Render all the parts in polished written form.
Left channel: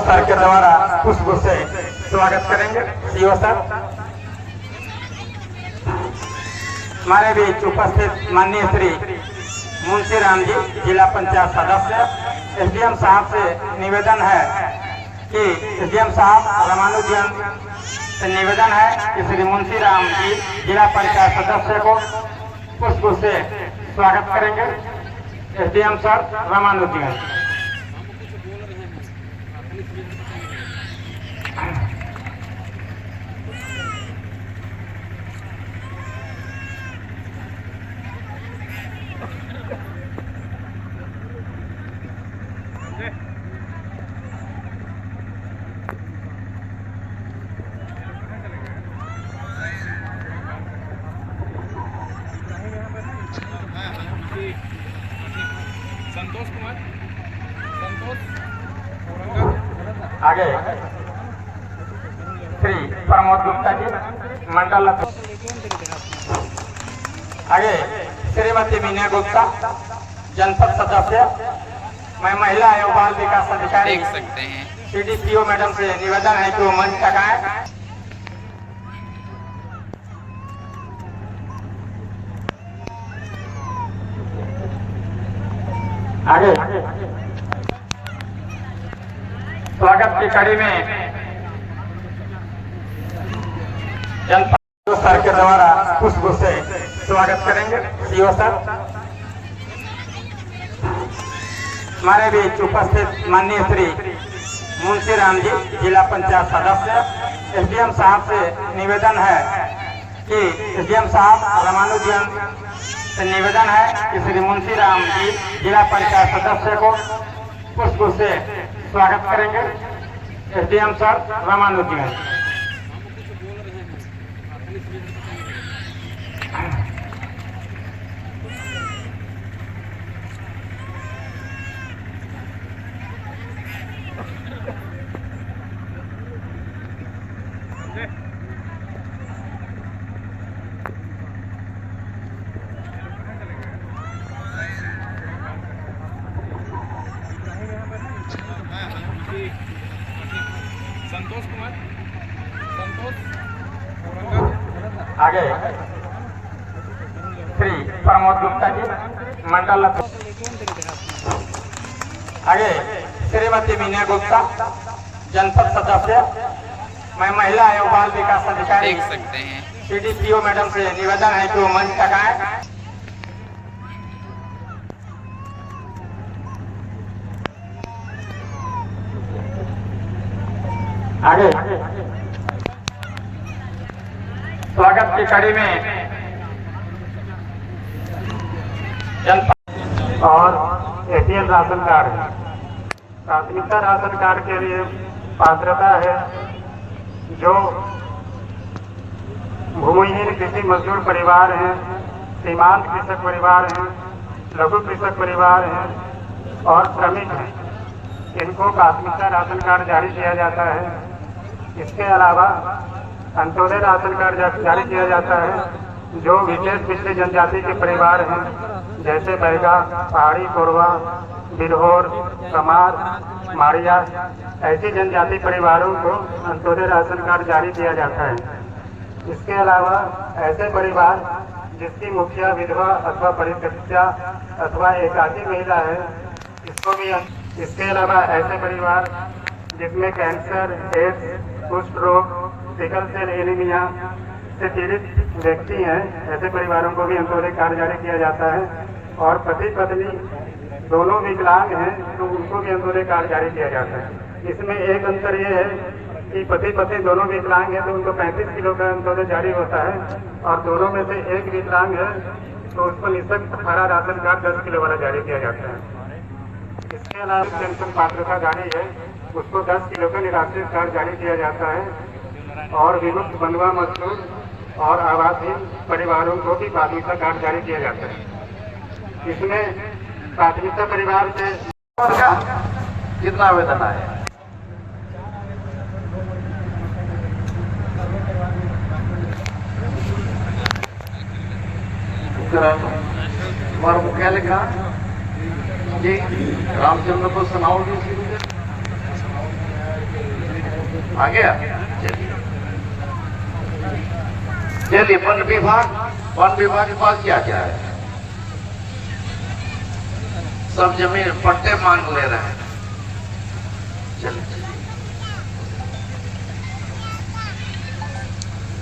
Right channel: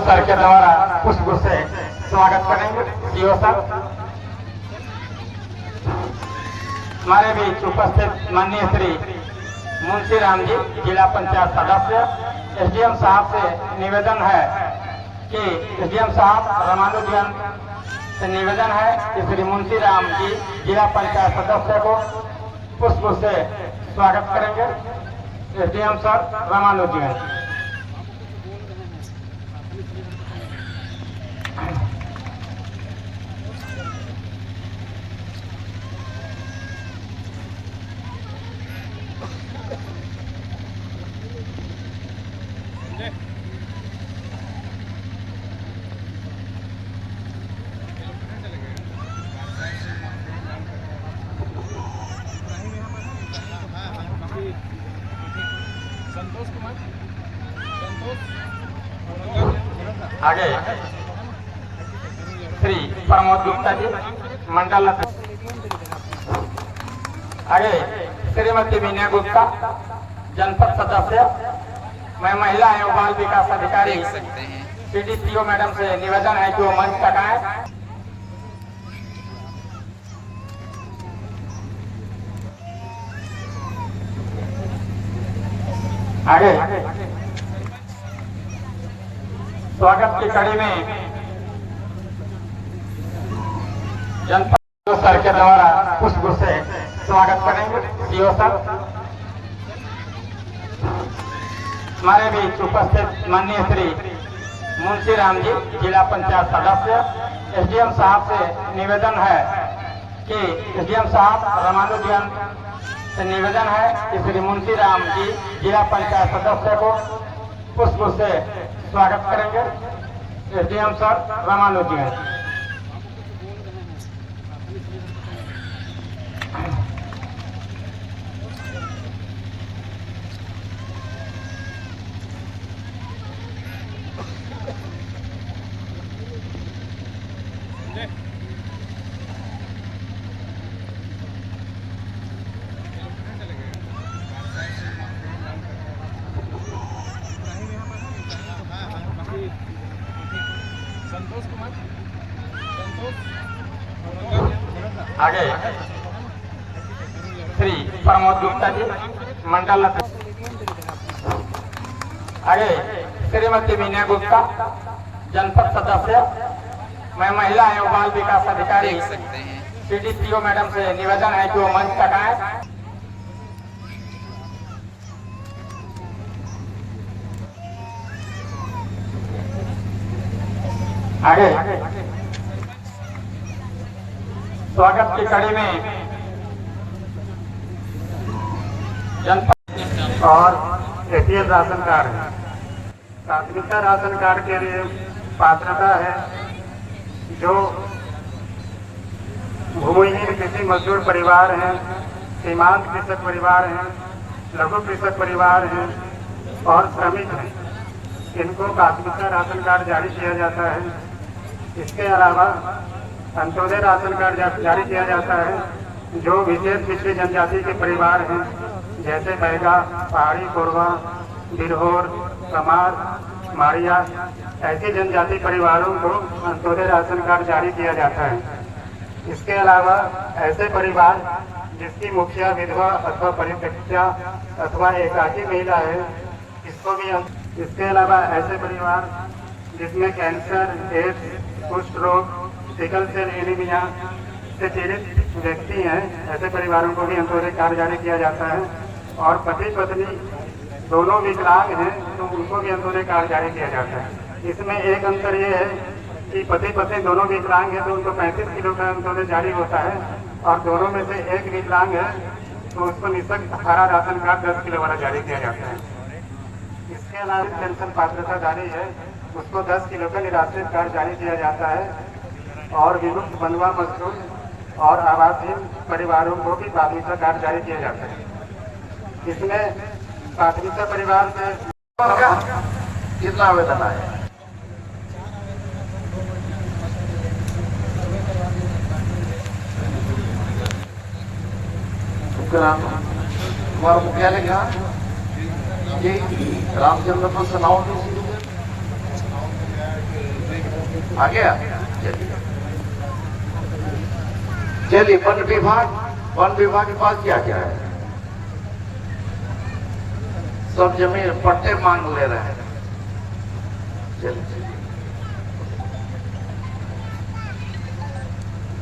Sir के द्वारा पुष्प से स्वागत करेंगे। सीओ सर हमारे बीच उपस्थित माननीय श्री मुंशी राम जी जिला पंचायत सदस्य, एसडीएम साहब से निवेदन है कि एसडीएम साहब रामानुजन से निवेदन है कि श्री मुंशी राम जी जिला पंचायत सदस्य को पुष्प से स्वागत करेंगे। SDM sir Ramanujan. संतोष कुमार, संतोष आगे श्री प्रमोद गुप्ता जी मंडल, आगे श्रीमती मीना गुप्ता जनपद सदस्य। मैं महिला एवं बाल विकास अधिकारी देख सकते हैं। सीडीपीओ मैडम से निवेदन है कि वो मंच तक आए। आगे स्वागत की कड़ी में जनपद सर के द्वारा पुष्प से स्वागत करेंगे। सीओ सर हमारे बीच उपस्थित माननीय श्री मुंशी राम जी जिला पंचायत सदस्य, एसडीएम साहब से निवेदन है कि एसडीएम साहब रामानुजन से निवेदन है कि श्री मुंशी राम जी जिला पंचायत सदस्य को पुष्प से स्वागत करेंगे। SDM sir Ramanujan. संतोष कुमार, संतोष आगे श्री प्रमोद गुप्ता जी मंडल, आगे श्रीमती मीना गुप्ता जनपद सदस्य। मैं महिला एवं बाल विकास अधिकारी देख सकते हैं। सीडीपीओ मैडम से निवेदन है कि वो मंच तक आए। आगे स्वागत की कड़ी में जनपद और एटीएम राशन कार्ड, प्राथमिकता राशन कार्ड के लिए पात्रता है जो भूमिहीन कृषि मजदूर परिवार हैं, सीमांत कृषक परिवार हैं, लघु कृषक परिवार हैं और श्रमिक हैं, इनको प्राथमिकता राशन कार्ड जारी किया जाता है। इसके अलावा अंत्योदय राशन कार्ड जारी किया जाता है जो विशेष पिछड़ी जनजाति के परिवार हैं, जैसे बैगा, पहाड़ी, कोरवा, बिरहोर, कमार, माड़िया, ऐसी जनजाति परिवारों को अंत्योदय राशन कार्ड जारी किया जाता है। इसके अलावा ऐसे परिवार जिसकी मुखिया विधवा अथवा परित्यक्ता अथवा एकाकी महिला है, इसको भी। इसके अलावा ऐसे परिवार जिसमें कैंसर, एड्स, कुष्ठ रोग, सिकल सेल एनीमिया से पीड़ित व्यक्ति हैं, ऐसे परिवारों को भी अंत्योदय कार्ड जारी किया जाता है। और पति पत्नी दोनों विकलांग हैं तो उनको भी अंत्योदय कार्ड जारी किया जाता है। इसमें एक अंतर ये है कि पति पत्नी दोनों विकलांग हैं तो उनको 35 किलो का अंत्योदय जारी होता है, और दोनों में से एक विकलांग है तो उसको निःशुल्क हरा राशन कार्ड 10 किलो वाला जारी किया जाता है। इसके अलावा पेंशन पात्रता जारी है, उसको 10 किलो का निराश्रित कार्ड जारी किया जाता है। और विमुक्त बंधुआ मजदूर और आवासीय परिवारों को भी प्राथमिकता कार्ड जारी किया जाता है। इसमें प्राथमिकता परिवार से कितना आवेदन आए? तुम्हारा मुख्यालय क्या? ये रामचंद्रपुर समाओ आ गया। चलिए वन विभाग के पास क्या क्या है? सब जमीन पट्टे मांग ले रहे हैं। चलिए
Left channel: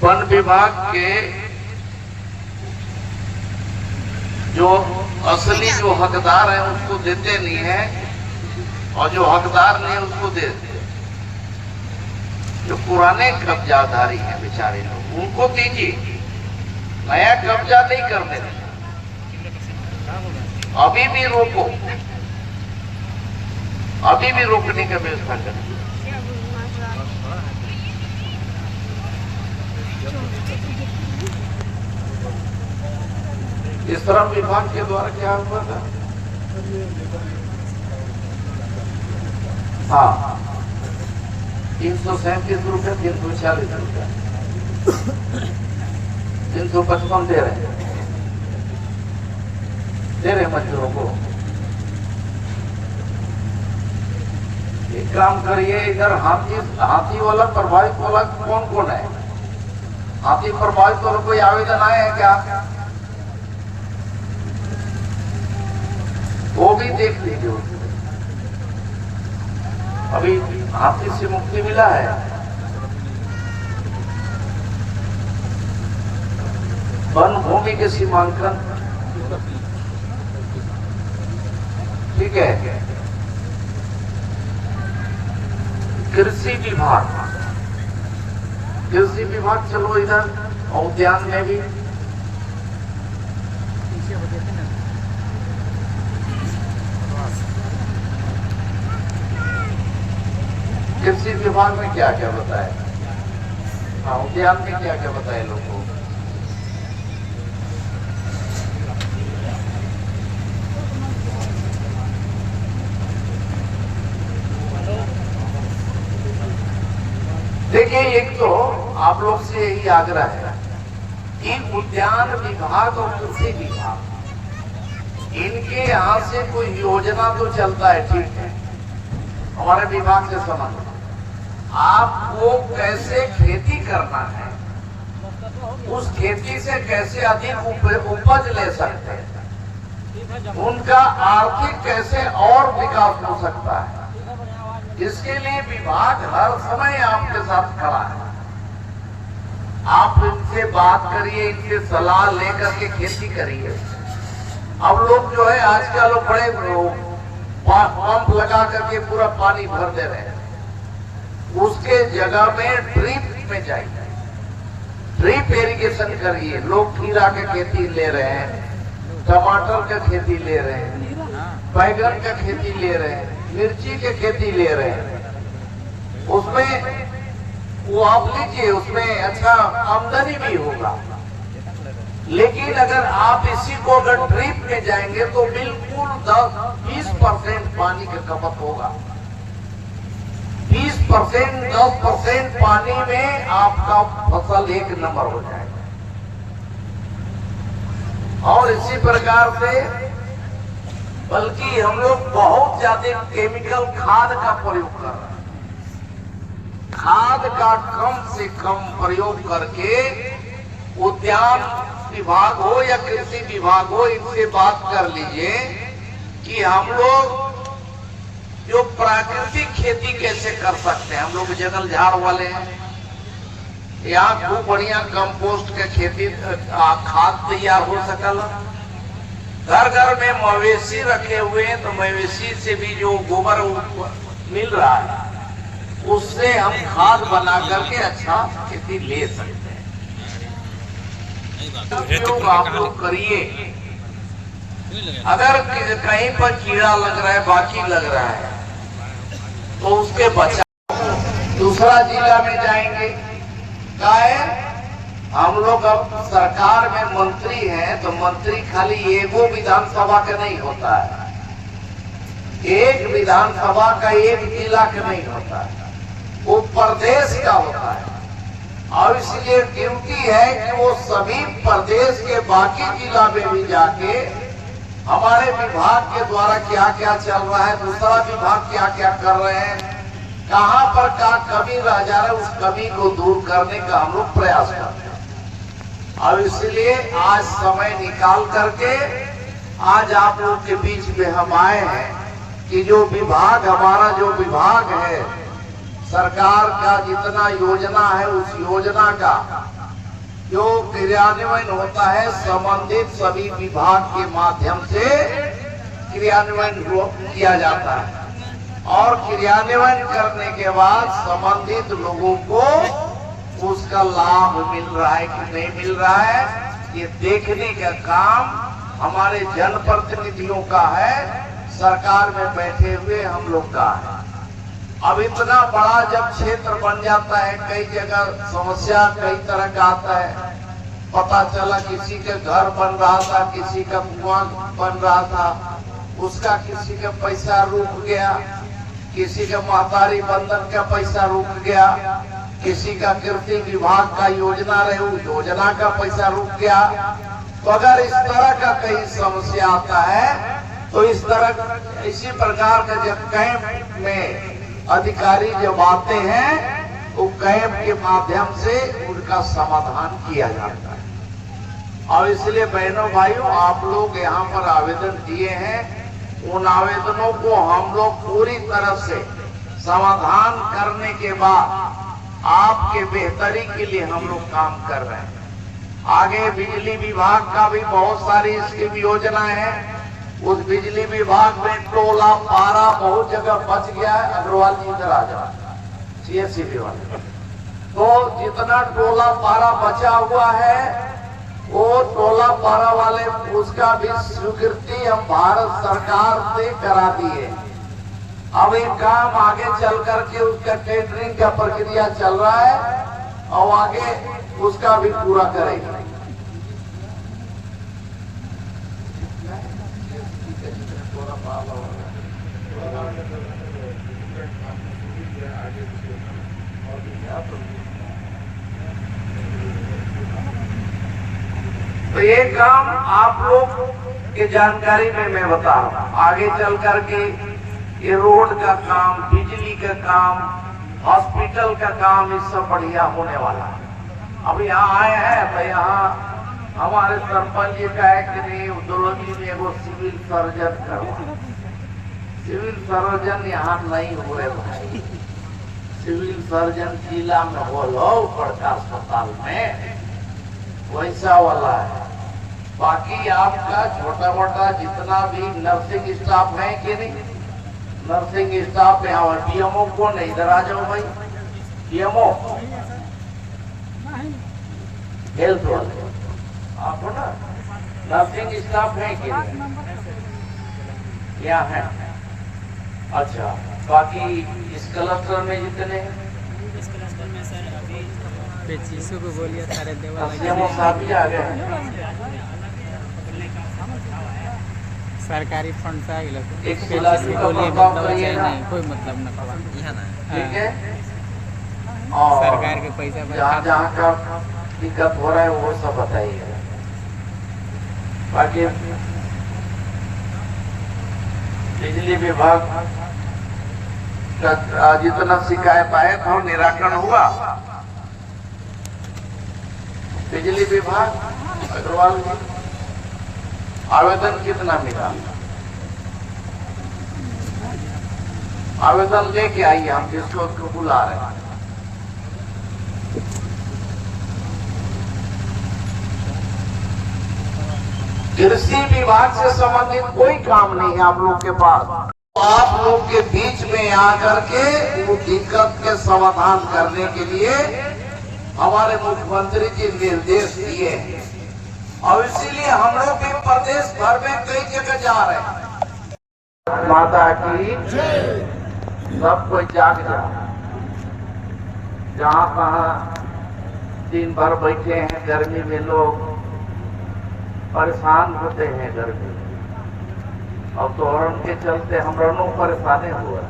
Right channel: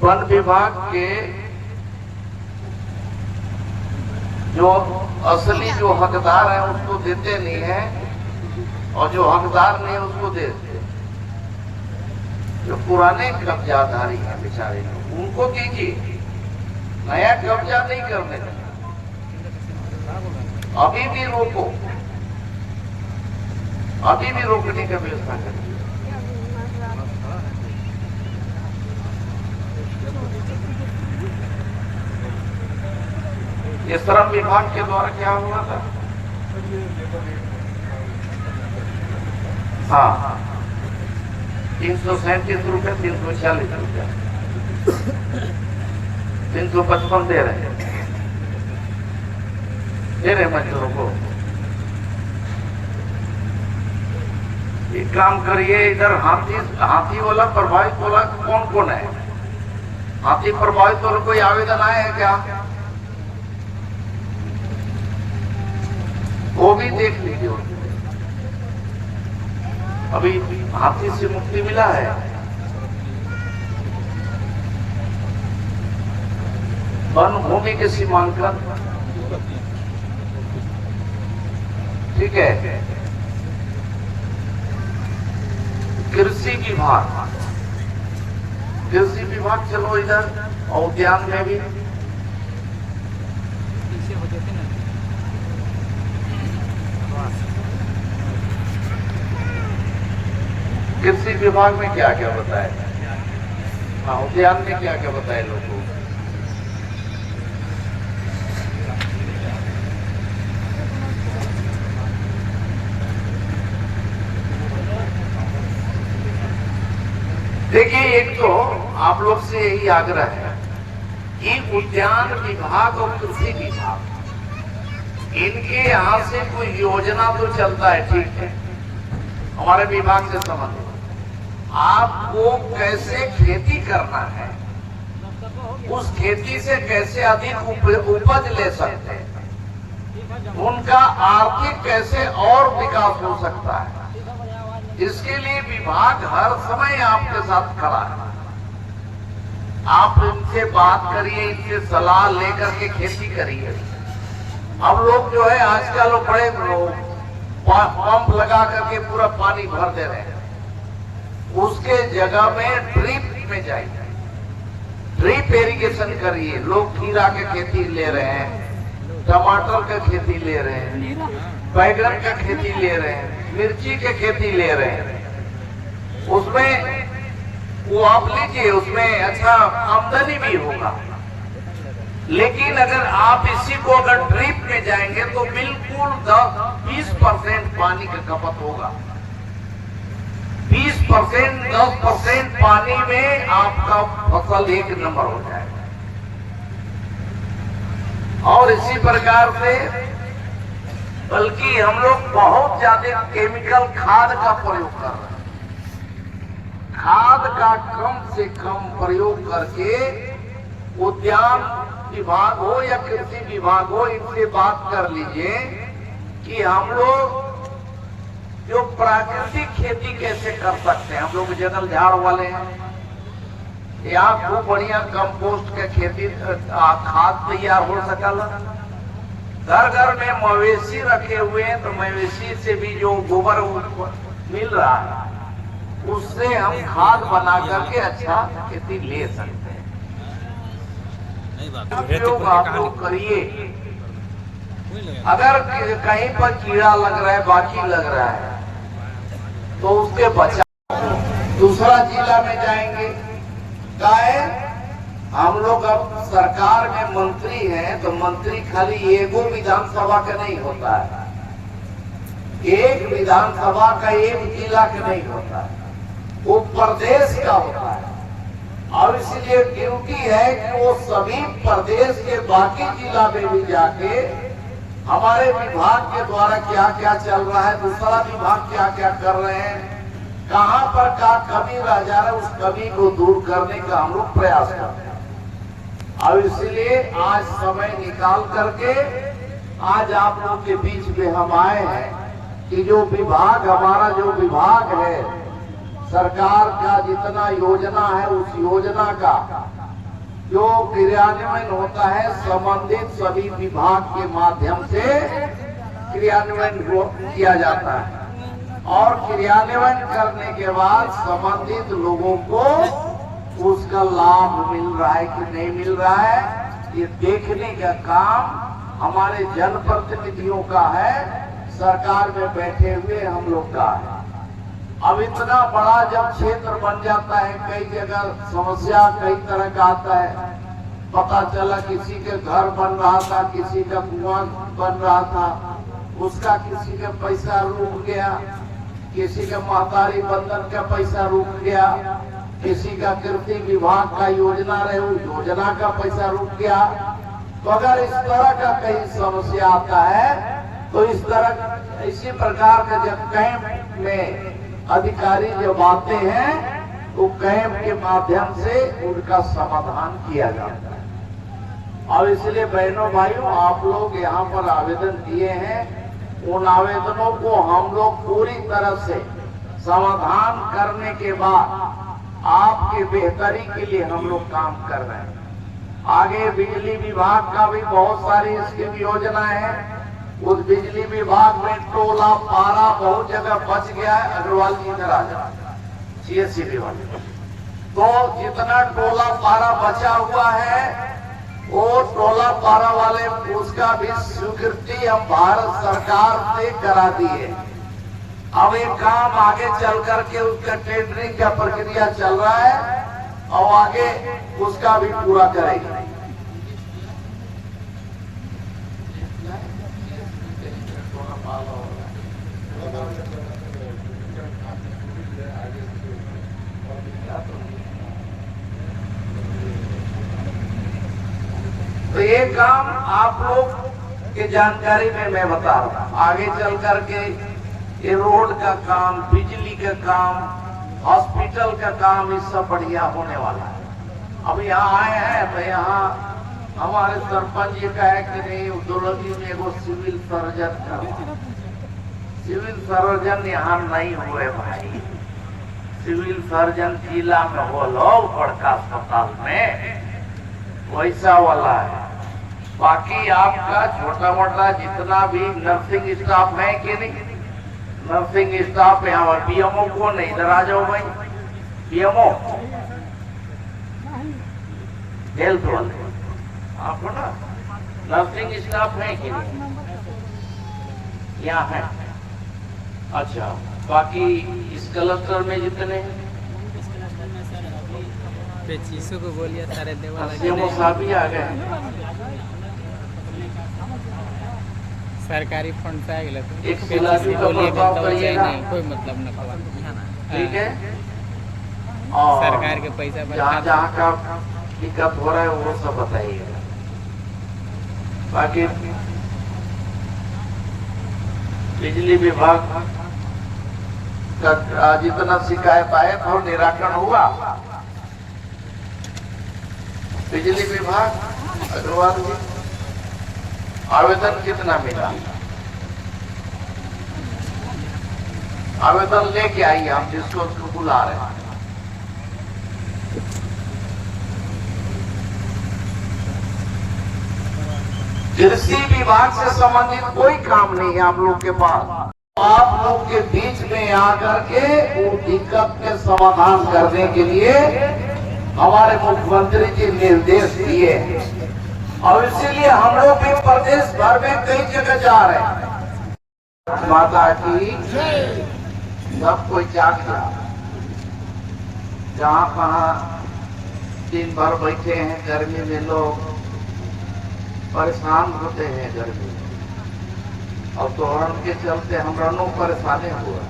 वन विभाग के जो असली जो हकदार है उसको देते नहीं है, और जो हकदार नहीं है उसको देते। जो पुराने कब्जाधारी हैं बेचारे लोग, उनको दीजिए, नया कब्जा नहीं करने दें। अभी भी रोको, अभी भी रोकने का व्यवस्था करें। ये श्रम विभाग के द्वारा क्या हुआ था? हाँ, 337 रुपये, 340 रुपया, 355 दे रहे मजदूरों को। एक काम करिए, इधर हाथी वाला प्रभावित वाला कौन कौन है? हाथी प्रभावित वाला कोई आवेदन आया है क्या? वो भी देख लीजिए। अभी हाथी से मुक्ति मिला है। वन भूमि के सीमांकन, ठीक है। कृषि विभाग चलो इधर, उद्यान में भी पीछे हो देते ना। कृषि विभाग में क्या क्या बताए? हाँ, उद्यान में क्या क्या बताए लोगों को? देखिए, एक तो आप लोग से यही आग्रह है कि उद्यान विभाग और कृषि विभाग, इनके यहाँ से कोई योजना तो चलता है, ठीक है, हमारे विभाग से संबंधित। आपको कैसे खेती करना है, उस खेती से कैसे अधिक उपज ले सकते हैं, उनका आर्थिक कैसे और विकास हो सकता है, इसके लिए विभाग हर समय आपके साथ खड़ा है। आप इनसे बात करिए, इनसे सलाह लेकर के खेती करिए। अब लोग जो है आजकल लोग बड़े पंप लगा करके पूरा पानी भर दे रहे हैं, उसके जगह में ड्रिप में जाइए, ड्रिप इरिगेशन करिए। लोग खीरा के खेती ले रहे हैं, टमाटर का खेती ले रहे हैं, बैगन का खेती ले रहे हैं, मिर्ची के खेती ले रहे हैं। उसमें वो आप लीजिए, उसमें अच्छा आमदनी भी होगा। लेकिन अगर आप इसी को अगर ड्रिप में जाएंगे तो बिल्कुल 10-20% पानी का खपत होगा। 20%, 10% पानी में आपका फसल एक नंबर हो जाएगा। और इसी प्रकार से बल्कि हम लोग बहुत ज्यादा केमिकल खाद का प्रयोग कर रहे हैं। खाद का कम से कम प्रयोग करके उद्यान विभाग हो या कृषि विभाग हो, इनसे बात कर लीजिए कि हम लोग जो प्राकृतिक खेती कैसे कर सकते हैं। हम लोग जंगल झाड़ वाले हैं, यहाँ खूब बढ़िया कंपोस्ट का खेती खाद तैयार हो सकल। घर घर में मवेशी रखे हुए हैं, तो मवेशी से भी जो गोबर मिल रहा है उससे हम खाद बना करके अच्छा खेती ले सकते हैं। आप लोग करिए। अगर कहीं पर कीड़ा लग रहा है, बाकी लग रहा है, तो उसके बचाव दूसरा जिला में जाएंगे। क्या है, हम लोग अब सरकार में मंत्री हैं, तो मंत्री खाली एगो विधानसभा का नहीं होता है, एक विधानसभा का एक जिला का नहीं होता है, वो प्रदेश का होता है। और इसलिए ड्यूटी है कि वो सभी प्रदेश के बाकी जिला में भी जाके हमारे विभाग के द्वारा क्या क्या चल रहा है, दूसरा विभाग क्या क्या कर रहे हैं, कहां पर का कमी रह जा रहा है, उस कमी को दूर करने का हम लोग प्रयास करते हैं। और इसलिए आज समय निकाल करके आज आप लोग के बीच में हम आए हैं कि जो विभाग हमारा जो विभाग है, सरकार का जितना योजना है उस योजना का जो क्रियान्वयन होता है संबंधित सभी विभाग के माध्यम से क्रियान्वयन किया जाता है। और क्रियान्वयन करने के बाद संबंधित लोगों को उसका लाभ मिल रहा है कि नहीं मिल रहा है, ये देखने का काम हमारे जनप्रतिनिधियों का है, सरकार में बैठे हुए हम लोग का है। अब इतना बड़ा जब क्षेत्र बन जाता है, कई जगह समस्या कई तरह का आता है। पता चला किसी के घर बन रहा था, किसी का कुआं बन रहा था, उसका किसी का पैसा रुक गया, किसी का महतारी बंधन का पैसा रुक गया, किसी का कृषि विभाग का योजना रहे उस योजना का पैसा रुक गया। तो अगर इस तरह का कहीं समस्या आता है तो इसी प्रकार के जब कैंप में अधिकारी जब आते हैं तो कैंप के माध्यम से उनका समाधान किया जाता है। और इसलिए बहनों भाइयों, आप लोग यहाँ पर आवेदन दिए हैं, उन आवेदनों को हम लोग पूरी तरह से समाधान करने के बाद आपके बेहतरी के लिए हम लोग काम कर रहे हैं। आगे बिजली विभाग का भी बहुत सारी स्कीम योजना है। उस बिजली विभाग में टोला पारा बहुत जगह बच गया है। अग्रवाल जी इधर आ जाए, सीएससी विभाग। तो जितना टोला पारा बचा हुआ है वो टोला पारा वाले उसका भी स्वीकृति हम भारत सरकार से करा दिए। अब एक काम आगे चल करके उसका टेंडरिंग का प्रक्रिया चल रहा है और आगे उसका भी पूरा करेंगे। तो ये काम आप लोग की जानकारी में मैं बता रहा हूँ। आगे चल करके ये रोड का काम, बिजली का काम, हॉस्पिटल का काम, ये सब बढ़िया होने वाला है। अब यहाँ आए हैं तो यहाँ हमारे सरपंच जी का है कि नहीं उद्योगी में वो सिविल सर्जन का, सिविल सर्जन यहाँ नहीं हुए भाई। सिविल सर्जन जिला में बोलो बड़का अस्पताल में वैसा वाला है। बाकी आपका छोटा मोटा जितना भी नर्सिंग स्टाफ है कि नहीं, नर्सिंग स्टाफ यहाँ पीएमओ को नहीं, इधर आ जाओ भाई। पीएमओ हेल्थ वाले आपको ना नर्सिंग स्टाफ है कि नहीं, यहाँ है। अच्छा, बाकी इस क्लस्टर में जितने इस क्लस्टर में सर अभी 25 को बोलिए सारे देवा लगे आ गए। सरकारी फंड से आ गए तो एक बोलिए नहीं कोई मतलब न कवा। ठीक है, सरकार के पैसा जहाँ जहाँ का दिक्कत हो रहा है वो सब बताइए। बाकी बिजली विभाग का जितना शिकायत आए था निराकरण हुआ। बिजली विभाग अग्रवाल जी आवेदन कितना मिला? आवेदन लेके आइए, हम जिसको उसको बुला रहे हैं। कृषि विभाग से संबंधित कोई काम नहीं है आप लोग के पास। आप लोग के बीच में आकर के वो दिक्कत के समाधान करने के लिए हमारे मुख्यमंत्री जी निर्देश दिए हैं और इसीलिए हम लोग भी प्रदेश भर में कई जगह जा रहे हैं। माता की सब कोई जाग जाओ। जहाँ कहाँ दिन भर बैठे हैं गर्मी में, लोग परेशान होते हैं गर्मी में, और तोरण के चलते हम दोनों परेशानी हुआ।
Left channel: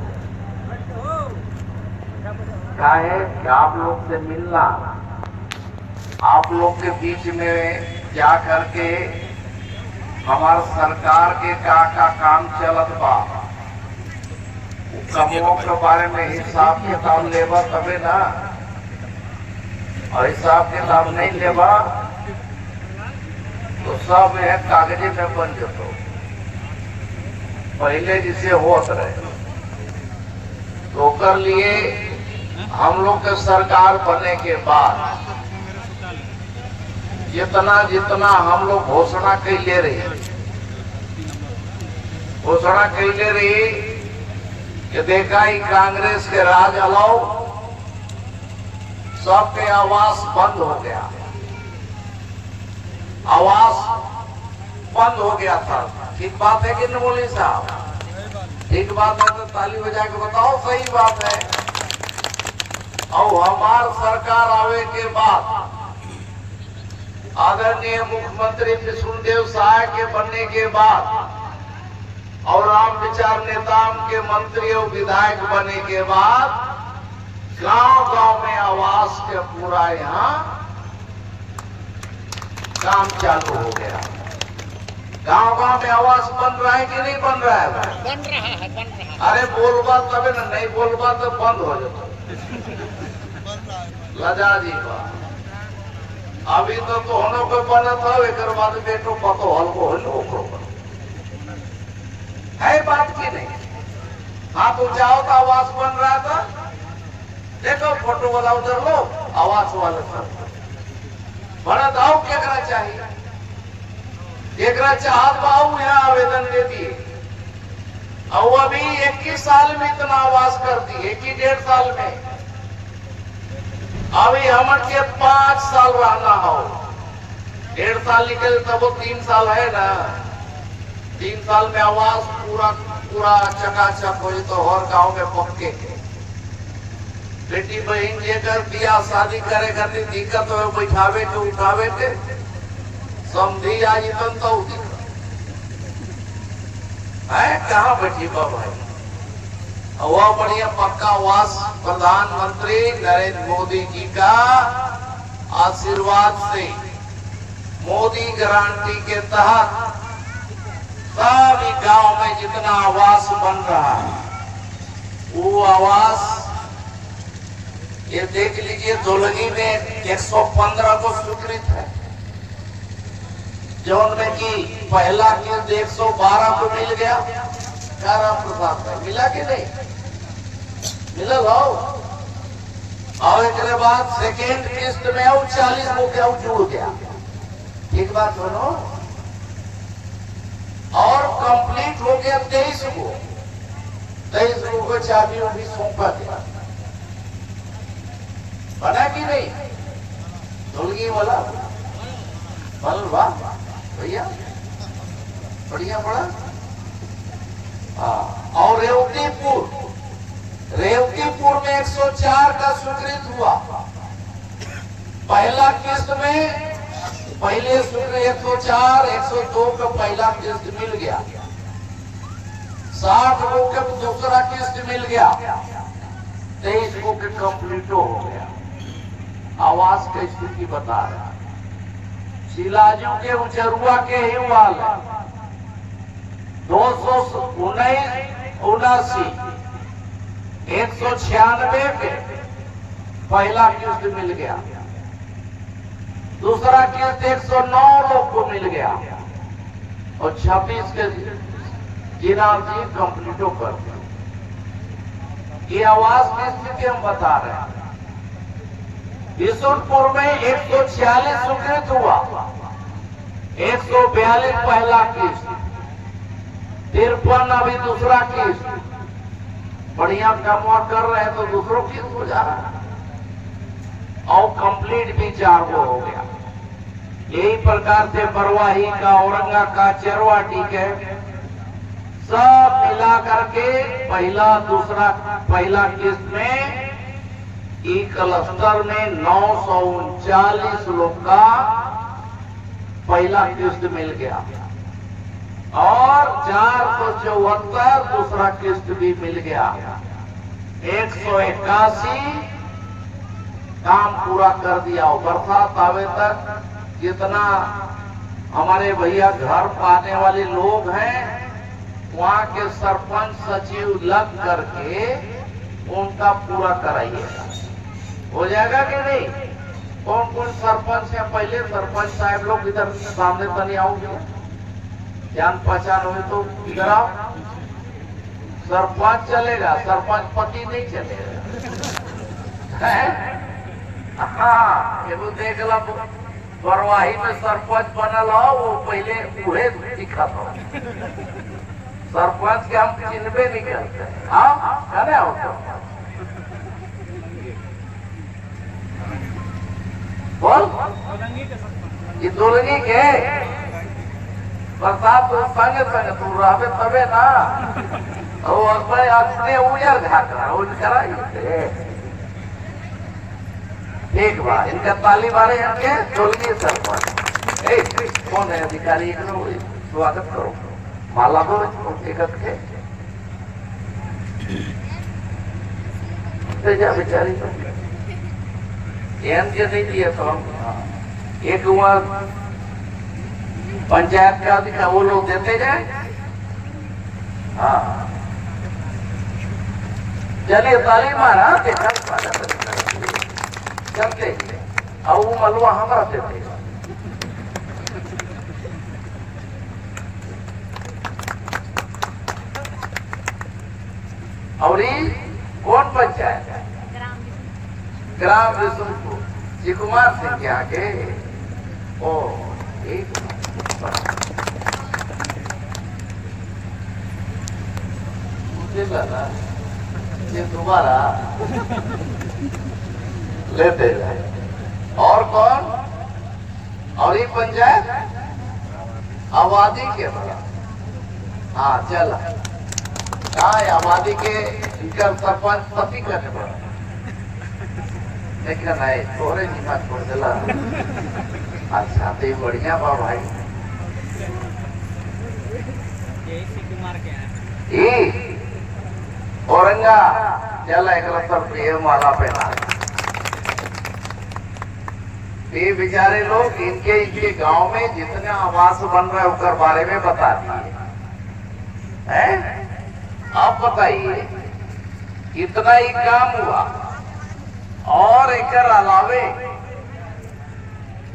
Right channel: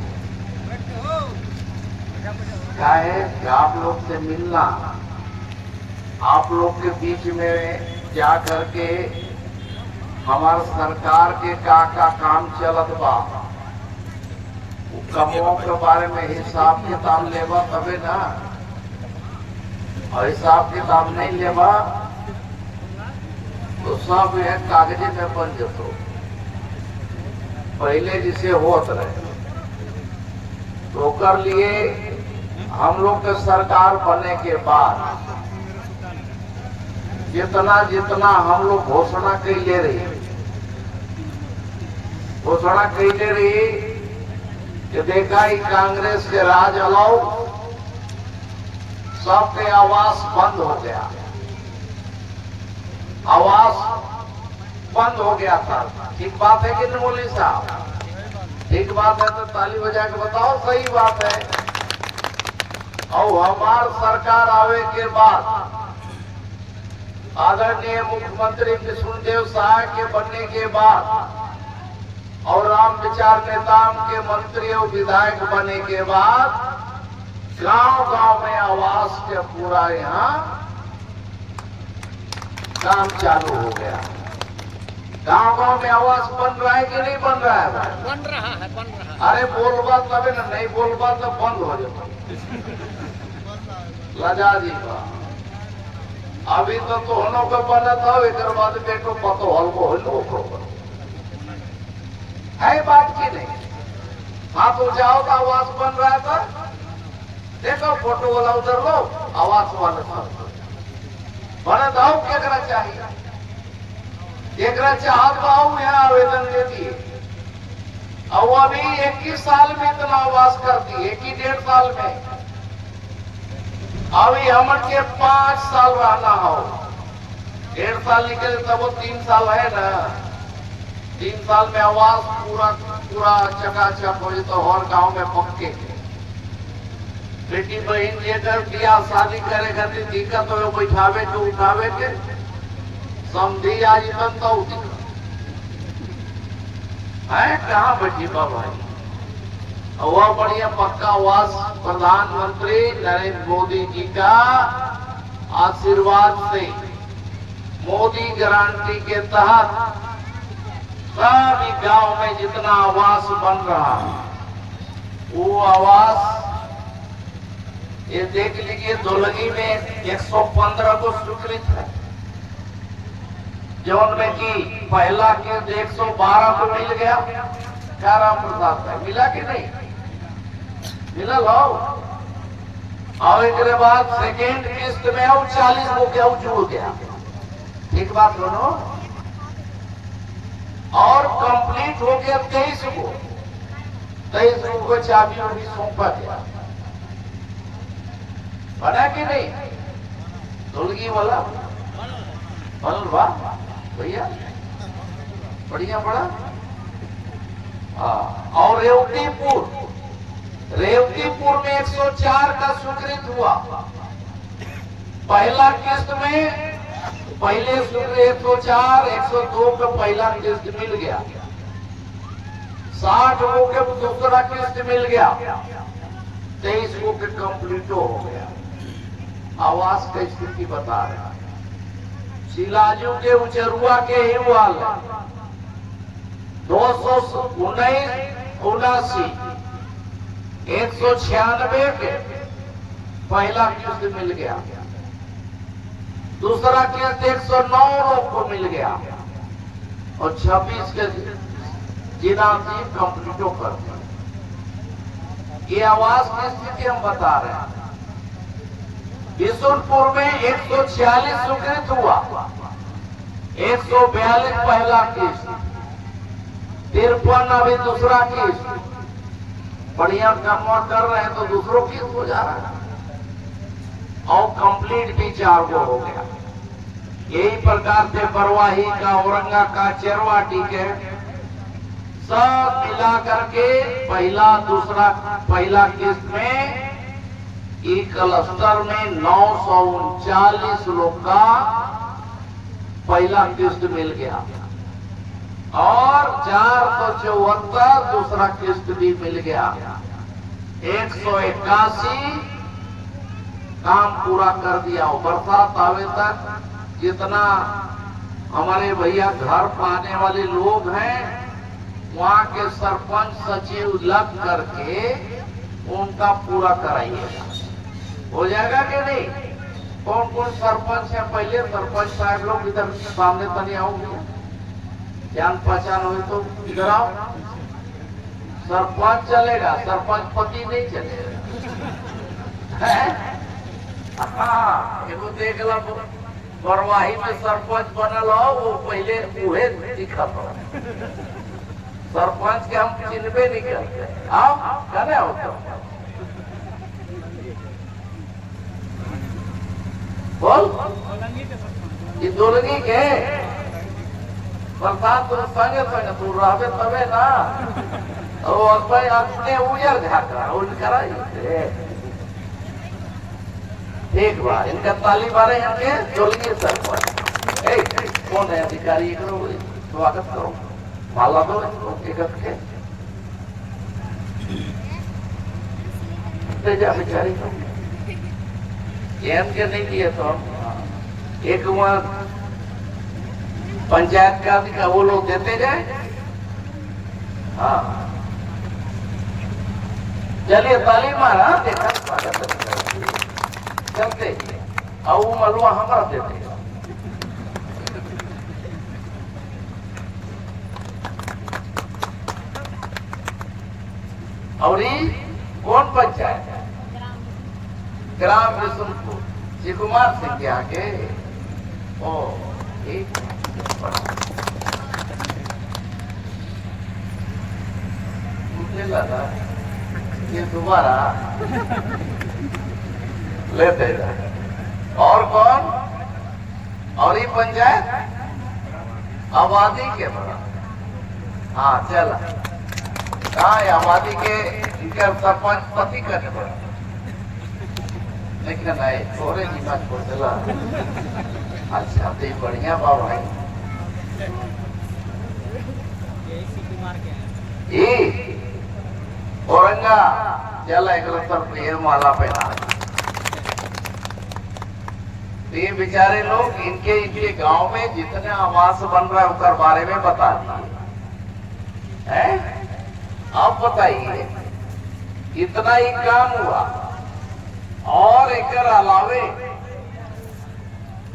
क्या है कि आप लोग से मिलना, आप लोग के बीच में जा करके हमारे सरकार के का काम चलत बा समूहों के बारे में हिसाब किताब लेवा तबे ना, और हिसाब किताब नहीं लेवा तो सब यह कागजे में बन जतो। पहले जिसे होत रहे तो कर लिए हम लोग के सरकार बनने के बाद जितना जितना हम लोग घोषणा कैले रही कि देखा ही कांग्रेस के राज अलाउ सबके आवास बंद हो गया, आवास बंद हो गया था। ठीक बात है कि नहीं मौलवी साहब? ठीक बात है तो ताली बजा के बताओ सही बात है। और हमार सरकार आवे के बाद आदरणीय मुख्यमंत्री विष्णुदेव साय के बनने के बाद और राम विचार नेता के मंत्री और विधायक बनने के बाद गांव गांव में आवास के पूरा यहाँ काम चालू हो गया। गांव गांव में आवास बन रहा है कि नहीं बन रहा है भाई? बन रहा है, बन रहा है। अरे बोलबा तबे ना, नहीं बोलबा तो बंद हो जाता। लजा जी अभी तो होनो को बना था, एक बाद बेटो पतो हल्को हल्को है बात की नहीं। हाँ तो जाओ तो आवास बन रहा था, देखो फोटो वाला उधर लो, आवास वाला बना दाऊ क्या करना चाहिए? देखना चाहत बाऊ यहाँ आवेदन देती और अभी 21 साल में इतना आवास करती, 1.5 साल में। अभी हम के 5 साल रहना हो, 1.5 साल निकले तब वो 3 साल है ना। 3 साल में आवास पूरा पूरा चकाचक हो तो और गांव में पक्के बेटी बहन लेकर बियाह शादी करे खातिर दिक्कत हो, बैठावे के उठावे के समझी आज तो है कहाँ बेटी बाबा है। वह बढ़िया पक्का आवास प्रधानमंत्री नरेंद्र मोदी जी का आशीर्वाद से मोदी गारंटी के तहत सभी गांव में जितना आवास बन रहा है वो आवास ये देख लीजिए। धुलगी में 115 को स्वीकृत है, जो उनमें की पहला किस्त 112 को मिल गया। क्या राम प्रसाद है, मिला कि नहीं मिला लो। और एक बाद सेकेंड किस्त में और 40 हो गया, जुड़ गया। एक बात सुनो, और कंप्लीट हो गया 23 को चाबी भी सौंपा गया। बना कि नहीं धुलगी वाला बन वाह भैया बढ़िया बड़ा। हाँ और रेवतीपुर में 104 का स्वीकृत हुआ। पहला किस्त में पहले स्वीकृत 104, 102 का पहला किस्त मिल गया, 60 को के दूसरा किस्त मिल गया, 23 को के कंप्लीट हो गया। आवास की स्थिति बता रहा शिलाजू के उचरुआ के ही वाल 279 196 के पहला किस्त मिल गया, दूसरा किस्त 109 लोग को मिल गया और 26 के जिला से कंप्लीटो कर। ये आवास की स्थिति हम बता रहे हैं। बिशुनपुर में 146 स्वीकृत हुआ, 142 पहला किस्त, 53 अभी दूसरा किस्त। बढ़िया काम कर रहे हैं तो दूसरों किस्त हो जा रहा है और कंप्लीट भी 4 को हो गया। यही प्रकार से बरवाही का, औरंगा का, चरवाटी के सब मिला करके पहला किस्त में क्लस्टर में 939 लोग का पहला किस्त मिल गया और 474 दूसरा किस्त भी मिल गया। 181 काम पूरा कर दिया। बरसात आवे तक जितना हमारे भैया घर पाने वाले लोग हैं वहाँ के सरपंच सचिव लग करके उनका पूरा कराइएगा। हो जाएगा कि नहीं? कौन कौन सरपंच है? पहले सरपंच साहब लोग इधर सामने तनी आओगे, जान पहचान हुए तो इधर आओ। सरपंच चलेगा, सरपंच पति नहीं चलेगा। हाँ, ये तो देख लो, बरवाही में सरपंच बनल हो, वो पहले उहे दिखा था। सरपंच के हम चिन्हबे नहीं करते। आओ, कहने आओ तो। बोल, ये दोलंगी के बरसात तो संगे संगे तू रहबे तबे ना। वो अपने उजर झाकरा उनकरा एक बार इनका ताली मारे हैं दोलंगी सरपंच। कौन है अधिकारी? स्वागत करो, माला दो टिकट के बेचारी के नहीं दिए तो एक वहाँ पंचायत का वो लोग देते जाए। हाँ, चलिए ताली मारा चलते और वो मलुआ हमारा देते। और कौन पंचायत है? ग्राम रिसुलपुर, जी कुमार सिंह के आगे। ओ एक ये दोबारा लेते जाए। और कौन? और ये पंचायत आबादी के बड़ा। हाँ चल, हाँ आबादी के सरपंच पति करने बड़ा। लेकिन थोड़े नीमा छोड़ दिला। अच्छा तो बढ़िया बा भाई। औरंगा चल एक सर माला पहना। ये बेचारे लोग इनके गांव में जितना आवास बन रहा है उसके बारे में बता दिए। आप बताइए, इतना ही काम हुआ और एक अलावे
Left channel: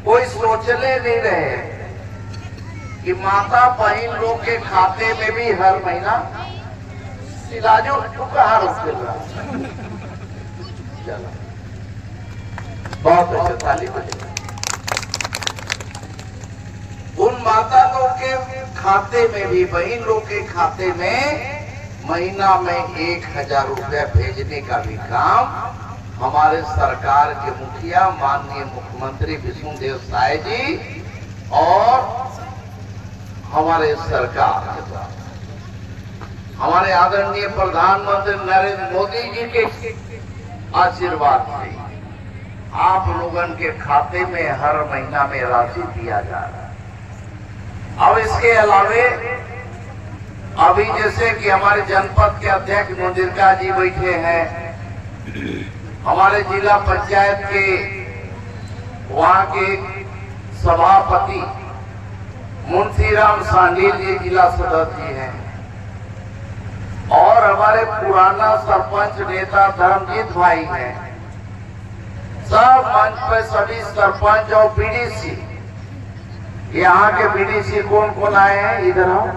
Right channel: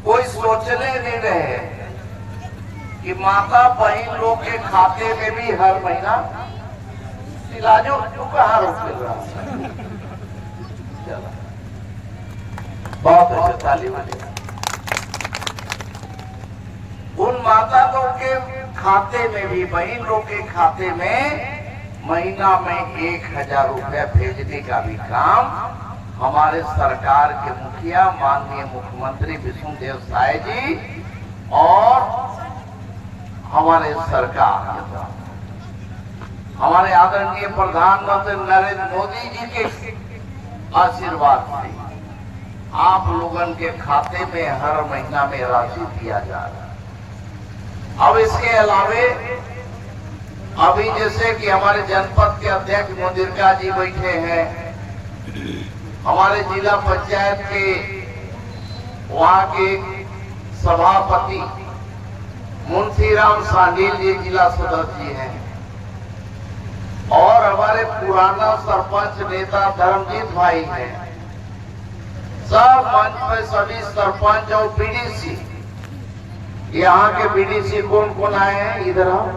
कोई सोचले नहीं रहे कि माता बहन लोग के खाते में भी हर महीना इलाजों उपहार मिल रहा है। चलो बहुत अच्छे, ताली बजेगा। उन माता लोग के खाते में भी, बहन लोग के खाते में महीना में 1000 रुपया भेजने का भी काम हमारे सरकार के मुखिया माननीय मुख्यमंत्री विष्णुदेव साय जी और हमारे सरकार के द्वारा, हमारे आदरणीय प्रधानमंत्री नरेंद्र मोदी जी के आशीर्वाद से आप लोगन के खाते में हर महीना में राशि दिया जा रहा है। अब इसके अलावे अभी जैसे कि हमारे जनपद के अध्यक्ष मुदिरका जी बैठे हैं, हमारे जिला पंचायत के वहाँ के सभापति मुंशीराम सांडील जी जिला सदस्य जी हैं, और हमारे पुराना सरपंच नेता धर्मजीत भाई हैं। सब मंच पे सभी सरपंच और बीडीसी, यहाँ के बीडीसी कौन कौन आए हैं? इधर आओ,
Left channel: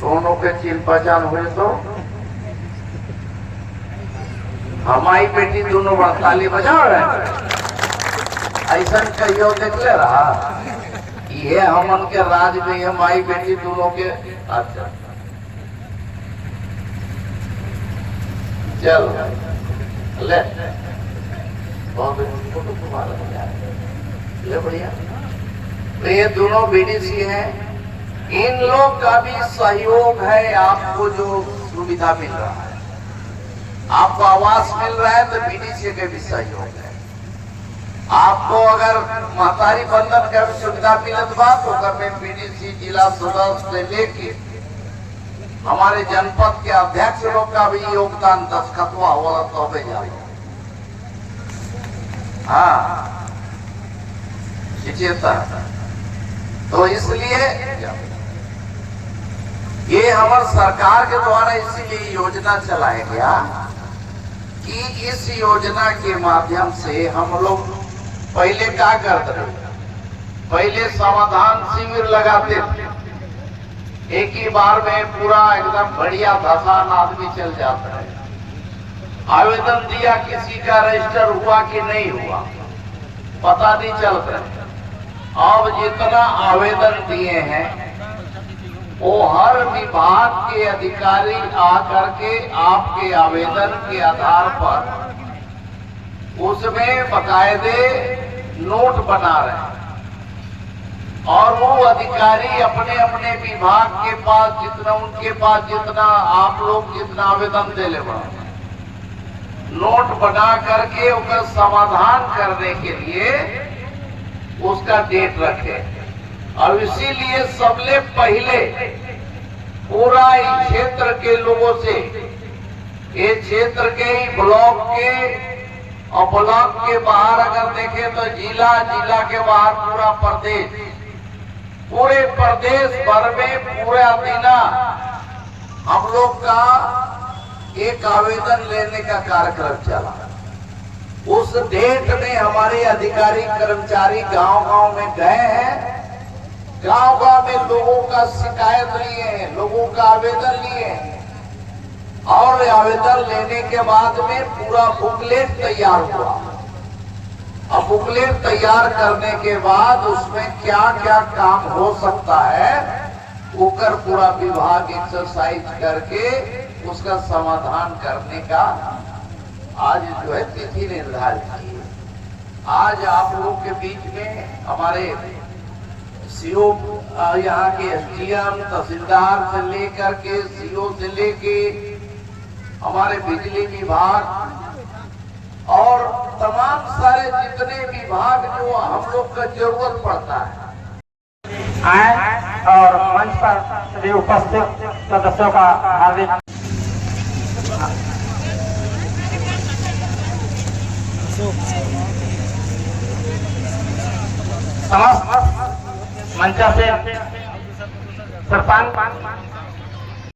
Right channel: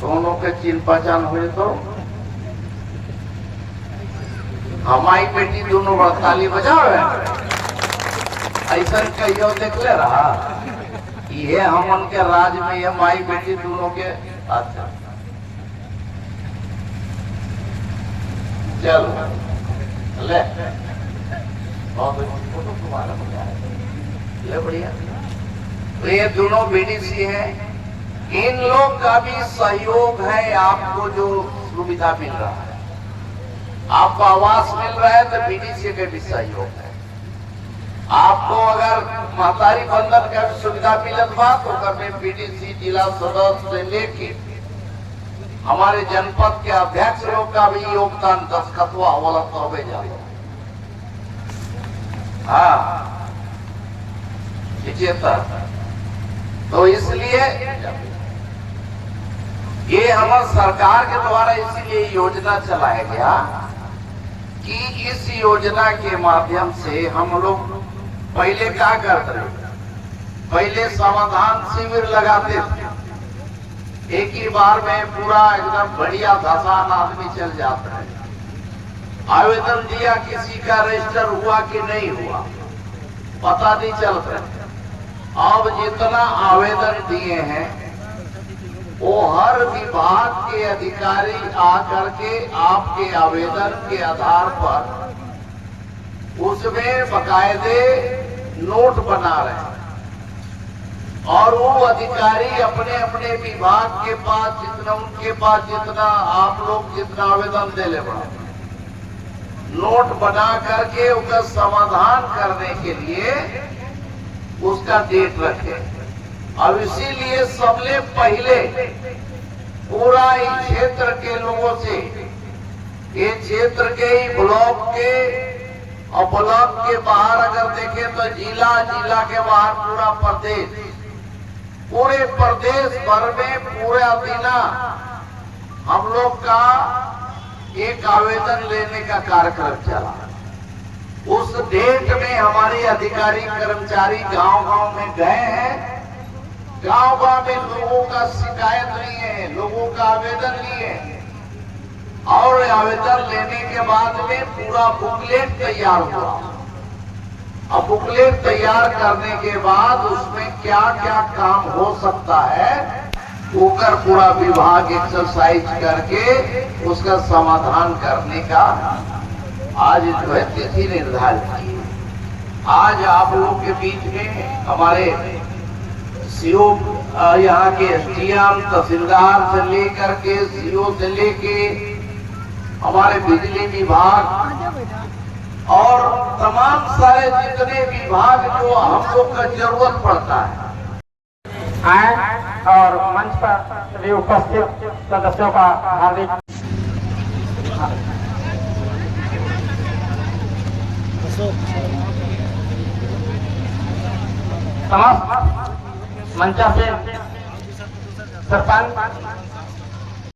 दोनों के चिन्ह पहचान हुए तो हमारी बेटी दोनों ताली बजाओ। ऐसा कहियो देख ले रहा, ये हम उनके राज में ये माई बेटी दोनों के। अच्छा चल ले, बहुत तुम्हारा ले बढ़िया। तो ये दोनों बीडीसी हैं, इन लोग का भी सहयोग है। आपको जो सुविधा मिल रहा है, आपको आवास मिल रहा है, तो बीडीसी के भी सहयोग है। आपको अगर महतारी बंधन का भी सुविधा मिलत बा तो कभी बीडीसी जिला सदस्य से लेके हमारे जनपद के अध्यक्ष लोग का भी योगदान दस्तखतवा वाला तो में जाए। हाँ तो इसलिए ये हमारे सरकार के द्वारा इसीलिए योजना चलाया गया कि इस योजना के माध्यम से हम लोग पहले क्या करते थे, पहले समाधान शिविर लगाते थे, एक ही बार में पूरा एकदम बढ़िया धसान आदमी चल जाता है। आवेदन दिया, किसी का रजिस्टर हुआ कि नहीं हुआ पता नहीं चलता है। अब जितना आवेदन दिए हैं वो हर विभाग के अधिकारी आकर के आपके आवेदन के आधार पर उसमें बकायदे नोट बना रहे हैं और वो अधिकारी अपने अपने विभाग के पास जितना उनके पास जितना आप लोग जितना आवेदन दे ले नोट बना करके उसका समाधान करने के लिए उसका डेट रखे। और इसीलिए सबसे पहले पूरा इस क्षेत्र के लोगों से, ये क्षेत्र के ही ब्लॉक के और ब्लॉक के बाहर अगर देखें तो जिला, जिला के बाहर पूरा प्रदेश, पूरे प्रदेश भर में पूरा दिना हम लोग का एक आवेदन लेने का कार्यक्रम चला। उस डेट में हमारे अधिकारी कर्मचारी गांव-गांव में गए हैं, गांव-गांव में लोगों का शिकायत लिए हैं, लोगों का आवेदन लिए हैं और आवेदन लेने के बाद में पूरा बुकलेट तैयार हुआ। अब बुकलेट तैयार करने के बाद उसमें क्या क्या काम हो सकता है ऊपर पूरा विभाग एक्सरसाइज करके उसका समाधान करने का आज जो है तिथि निर्धारित की है। आज आप लोग के बीच में हमारे सीओ, यहाँ के एसडीएम, तहसीलदार से लेकर के सीओ से लेके हमारे बिजली विभाग और तमाम सारे जितने विभाग जो हम लोग का जरूरत पड़ता है आए और मंच पर भी उपस्थित सदस्यों का हार्दिक समस्त मंचासीन सरपंच